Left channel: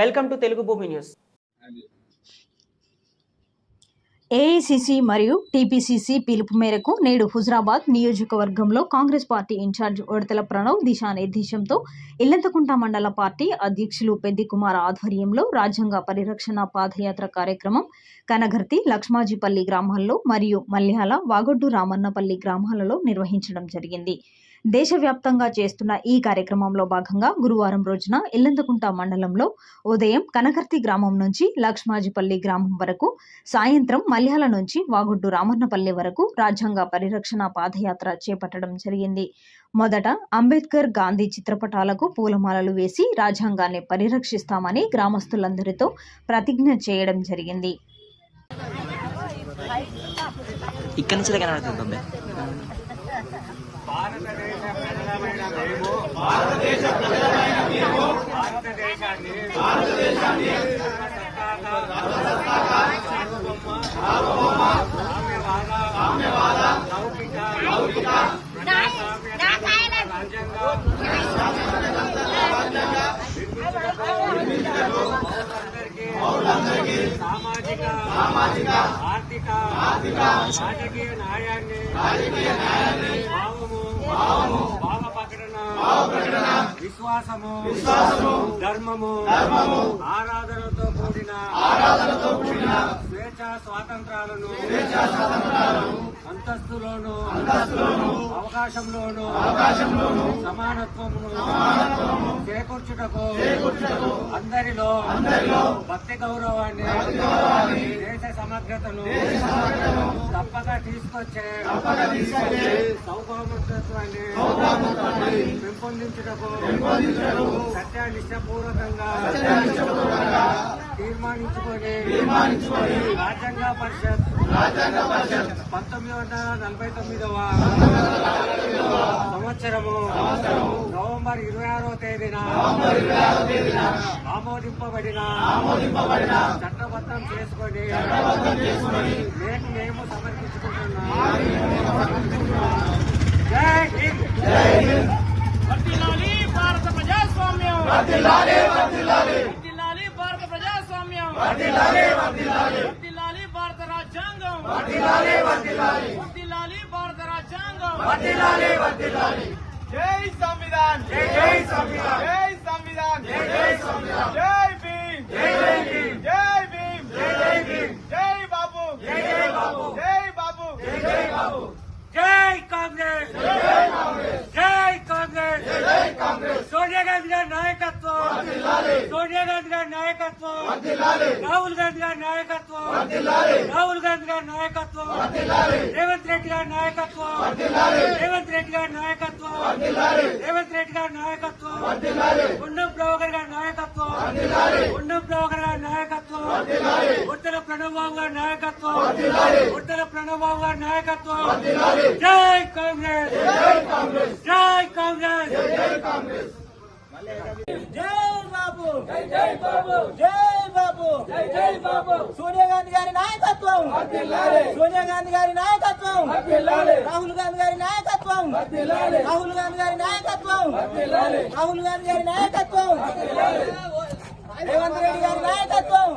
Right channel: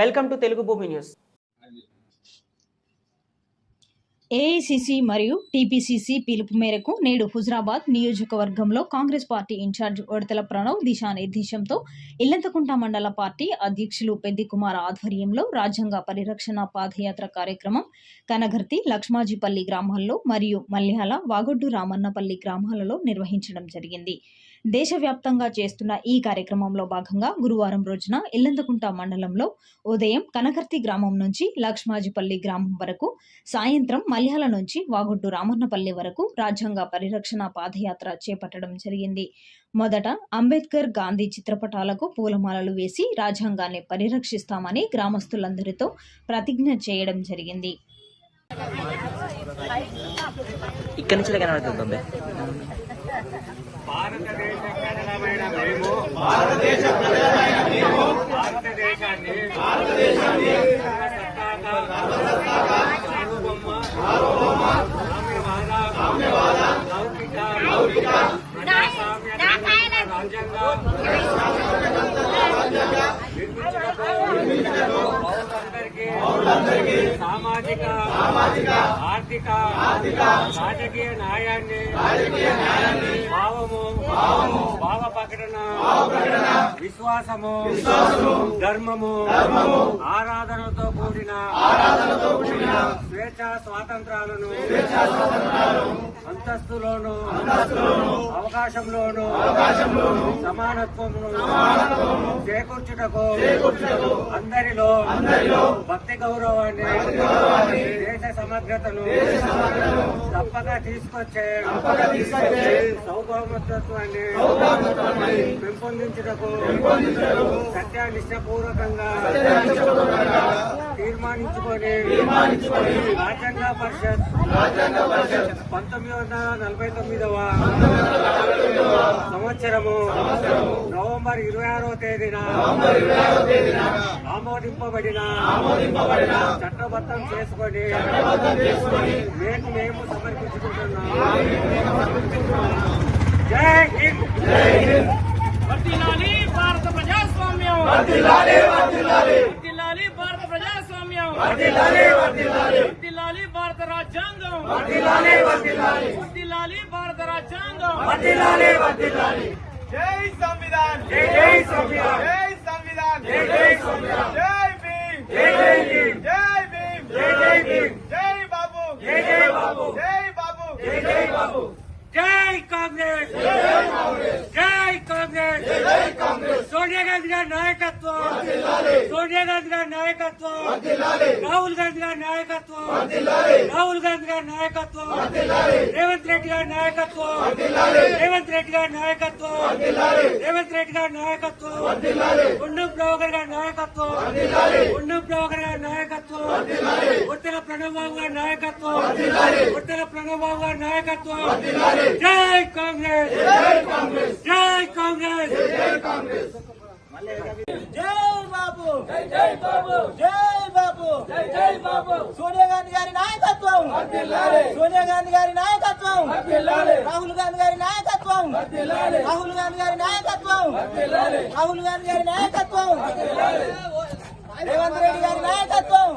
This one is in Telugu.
Welcome to Telugu Bhoomi news. AICC మరియు టీపీసీసీ పిలుపు మేరకు నేడు హుజరాబాద్ నియోజకవర్గంలో కాంగ్రెస్ పార్టీ ఇన్ఛార్జ్ ఉడతల ప్రణవ్ దిశానిర్దేశంతో ఇల్లంతకుంట మండల పార్టీ అధ్యక్షులు పెద్ది కుమార్ ఆధ్వర్యంలో రాజ్యాంగ పరిరక్షణ పాదయాత్ర కార్యక్రమం కనగర్తి లక్ష్మాజీపల్లి గ్రామాల్లో మరియు మల్యాల వాగొడ్డు రామన్నపల్లి గ్రామాలలో నిర్వహించడం జరిగింది. దేశవ్యాప్తంగా చేస్తున్న ఈ కార్యక్రమంలో భాగంగా గురువారం రోజున ఎల్లందకుంట మండలంలో ఉదయం కనకర్తి గ్రామం నుంచి లక్ష్మాజిపల్లి గ్రామం వరకు సాయంత్రం మల్యాల నుంచి వాగుడ్డు రామన్నపల్లి వరకు రాజ్యాంగ పరిరక్షణ పాదయాత్ర చేపట్టడం జరిగింది. మొదట అంబేద్కర్ గాంధీ చిత్రపటాలకు పూలమాలలు వేసి రాజ్యాంగాన్ని పరిరక్షిస్తామని గ్రామస్తులందరితో ప్రతిజ్ఞ చేయడం జరిగింది. ఇక్కడ నుంచి కనబడుతుంది భారతదేశ ప్రజలమైన మేము. భారతదేశాన్ని సర్వసత్తాక సార్వభౌమ సామ్యవాద లౌకిక ప్రజాస్వామ్య రాజ్యాంగ సామాజిక ఆర్థిక రాజకీయ న్యాయాన్ని భావము భావ ప్రకటన విశ్వాసము ధర్మము ఆరాధనతో కూడిన స్వేచ్ఛ స్వాతంత్రాలను అంతస్తులోను అవకాశంలోను సమానత్వమును చేకూర్చుటకు అందరిలో భక్తి గౌరవాన్ని దేశ సమగ్రతను తప్పక తీసుకొచ్చే సౌభౌమత్వాన్ని పెంపొందించుటకు సత్యానిష్టపూర్వకంగా తీర్మానించుకొని రాజ్యాంగ పరిషత్ పంతొమ్మిది వందల నలభై తొమ్మిదవ సంవత్సరము నవంబర్ ఇరవై ఆరో తేదీన ఆమోదింపబడిన చట్టబద్ధం చేసుకొని మేము మేము సమర్పించుకుంటున్నాం. జై హింద్. ప్రజాస్వామ్యం వర్ధిల్లాలి భారత ప్రజాస్వామ్యం వర్ధిల్లాలి భారత రాజ్యాంగం వర్ధిల్లాలి భారత రాజ్యాంగం జై సంవిధాన్ జై జై సంవిధాన్ జై సంవిధాన్ జై జై సంవిధాన్ జై భీమ్ జై జై భీమ్ జై భీమ్ జై జై భీమ్ జై బాబు జై జై బాబు జై బాబు జై జై బాబు జై కాంగ్రెస్ జై కాంగ్రెస్ సోనియా గాంధీ గారి నాయకత్వం సోనియా గాంధీ గారి నాయకత్వం రాహుల్ గాంధీ గారి నాయకత్వం రాహుల్ గాంధీ గారి నాయకత్వం రేవంత్ రెడ్డి గారి నాయకత్వం రేవంత్ రెడ్డి గారి నాయకత్వం రేవంత్ రెడ్డి గారి నాయకత్వం ఉన్నం ప్రభాకర్ గారి నాయకత్వం ఉన్నం ప్రభాకర్ గారి నాయకత్వం ఉత్తర ప్రణబాబు గారి నాయకత్వం ఉత్తర ప్రణబాబు గారి నాయకత్వం జై కాంగ్రెస్ జై కాంగ్రెస్ జై బాబు జై జై బాబు జై బాబు జై జై బాబు సోనియా గాంధీ గారి నాయకత్వం. సోనియా గాంధీ గారి నాయకత్వం. రాహుల్ గాంధీ గారి నాయకత్వం. రాహుల్ గాంధీ గారి నాయకత్వం. రాహుల్ గాంధీ గారి నాయకత్వం. రేవంత్ రెడ్డి గారి నాయకత్వం.